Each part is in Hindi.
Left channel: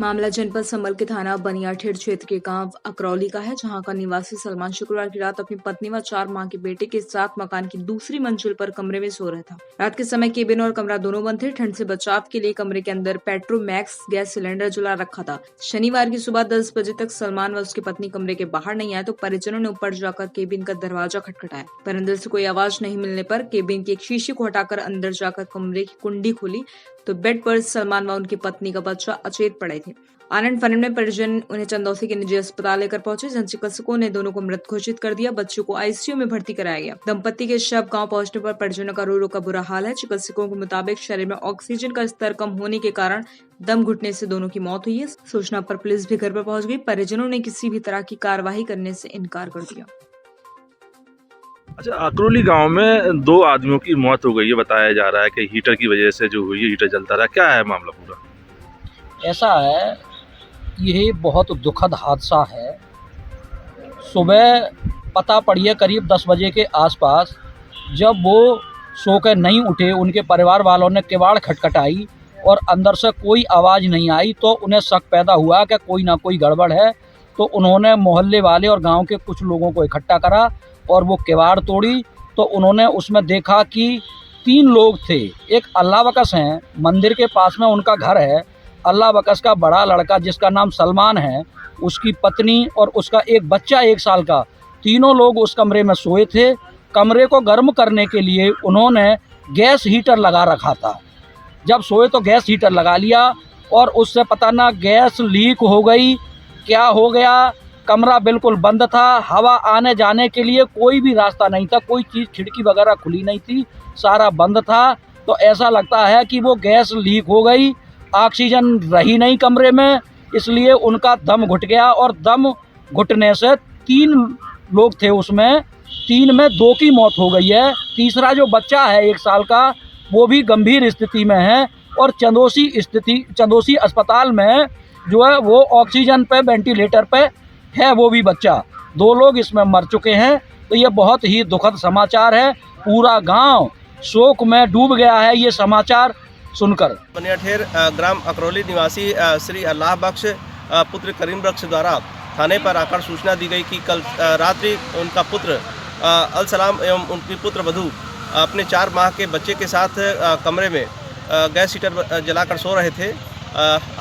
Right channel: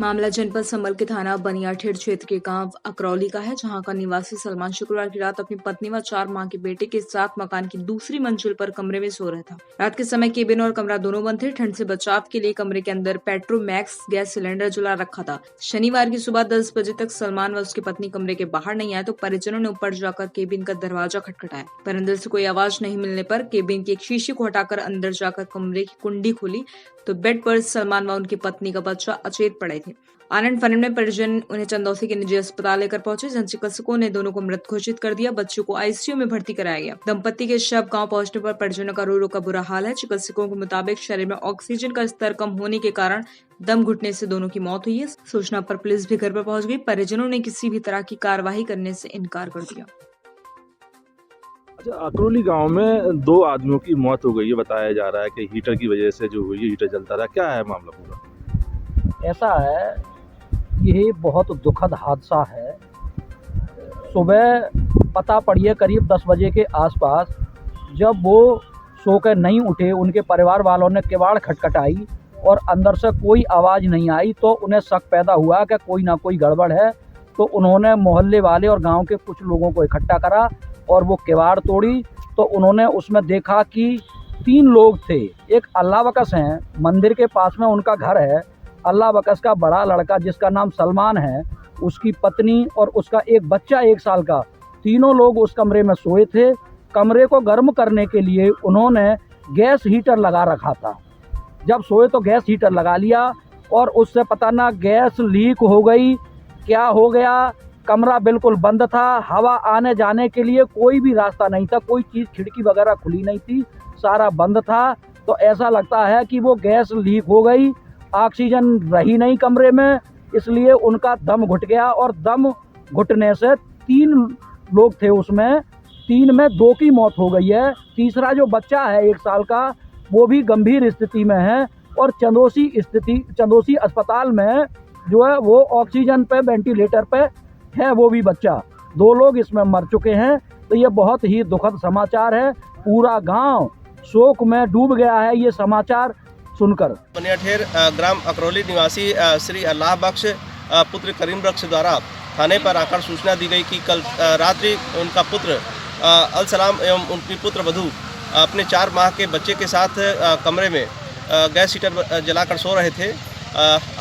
मामला जनपद संभल के थाना बनियाठेड़ क्षेत्र के गांव अकरौली का है, जहां का निवासी सलमान शुक्रवार की रात अपनी पत्नी व 4 माह के बेटे के साथ मकान की दूसरी मंजिल पर कमरे में सो रहा था। रात के समय केबिन और कमरा दोनों बंद थे। ठंड से बचाव के लिए कमरे के अंदर पेट्रोमैक्स गैस सिलेंडर जला रखा था। शनिवार की सुबह 10 बजे तक सलमान व उसकी पत्नी कमरे के बाहर नहीं आए तो परिजनों ने ऊपर जाकर केबिन का दरवाजा खटखटाया, पर अंदर से कोई आवाज नहीं मिलने पर केबिन की एक शीशे को हटाकर अंदर जाकर कमरे की कुंडी खोली तो बेड पर सलमान व उनकी पत्नी का बच्चा अचेत पड़े थे। आनंद फानन में परिजन उन्हें चंदौसी के निजी अस्पताल लेकर पहुंचे, जहां चिकित्सकों ने दोनों को मृत घोषित कर दिया। बच्चों को आईसीयू में भर्ती कराया गया। दंपति के शव गांव पहुंचने पर परिजनों का रो रो का बुरा हाल है। चिकित्सकों के मुताबिक शरीर में ऑक्सीजन का स्तर कम होने के कारण दम घुटने से दोनों की मौत हुई है। सूचना पर पुलिस भी घर पर पहुंच गई। परिजनों ने किसी भी तरह की कार्रवाई करने से इनकार कर दिया। अच्छा, अकरौली गांव में 2 आदमियों की मौत हो गई है, बताया जा रहा है कि हीटर की वजह से जो हुई है, हीटर जलता रहा। क्या है मामला पूरा? ऐसा है, यही बहुत दुखद हादसा है। सुबह पता पड़ी है करीब 10 बजे के आसपास, जब वो सो के नहीं उठे, उनके परिवार वालों ने किवाड़ खटखटाई और अंदर से कोई आवाज़ नहीं आई, तो उन्हें शक पैदा हुआ कि कोई ना कोई गड़बड़ है। तो उन्होंने मोहल्ले वाले और गांव के कुछ लोगों को इकट्ठा करा और वो किवाड़ तोड़ी, तो उन्होंने उसमें देखा कि 3 लोग थे। एक अल्लाह बकस हैं, मंदिर के पास में उनका घर है। अल्लाह बकस का बड़ा लड़का जिसका नाम सलमान है, उसकी पत्नी और उसका एक बच्चा 1 साल का, तीनों लोग उस कमरे में सोए थे। कमरे को गर्म करने के लिए उन्होंने गैस हीटर लगा रखा था। जब सोए तो गैस हीटर लगा लिया और उससे पता ना गैस लीक हो गई, क्या हो गया। कमरा बिल्कुल बंद था, हवा आने जाने के लिए कोई भी रास्ता नहीं था, कोई चीज़ खिड़की वगैरह खुली नहीं थी, सारा बंद था। तो ऐसा लगता है कि वो गैस लीक हो गई, ऑक्सीजन रही नहीं कमरे में, इसलिए उनका दम घुट गया और दम घुटने से 3 लोग थे उसमें, 3 में 2 की मौत हो गई है। तीसरा जो बच्चा है 1 साल का, वो भी गंभीर स्थिति में है और चंदौसी अस्पताल में जो है वो ऑक्सीजन पे, वेंटिलेटर पे है वो भी बच्चा। 2 लोग इसमें मर चुके हैं। तो ये बहुत ही दुखद समाचार है। पूरा गांव शोक में डूब गया है ये समाचार सुनकर। बनियाठेड़ ग्राम अकरौली निवासी श्री अल्लाह बख्श पुत्र करीम बख्श द्वारा थाने पर आकर सूचना दी गई कि कल रात्रि उनका पुत्र अल सलाम एवं उनकी पुत्र वधू अपने 4 माह के बच्चे के साथ कमरे में गैस हीटर जलाकर सो रहे थे।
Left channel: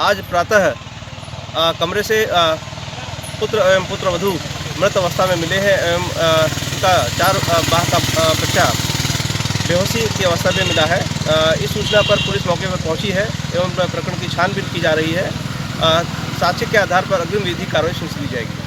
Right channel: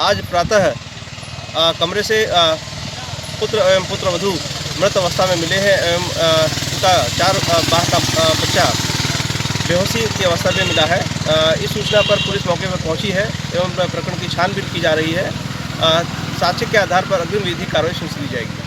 आज प्रातः कमरे से पुत्र एवं पुत्रवधू मृत अवस्था में मिले हैं एवं उनका 4 माह का बच्चा बेहोशी की अवस्था में मिला है। इस सूचना पर पुलिस मौके पर पहुंची है एवं प्रकरण की छानबीन की जा रही है। साक्ष्य के आधार पर अग्रिम विधि कार्रवाई सुनिश्चित की जाएगी।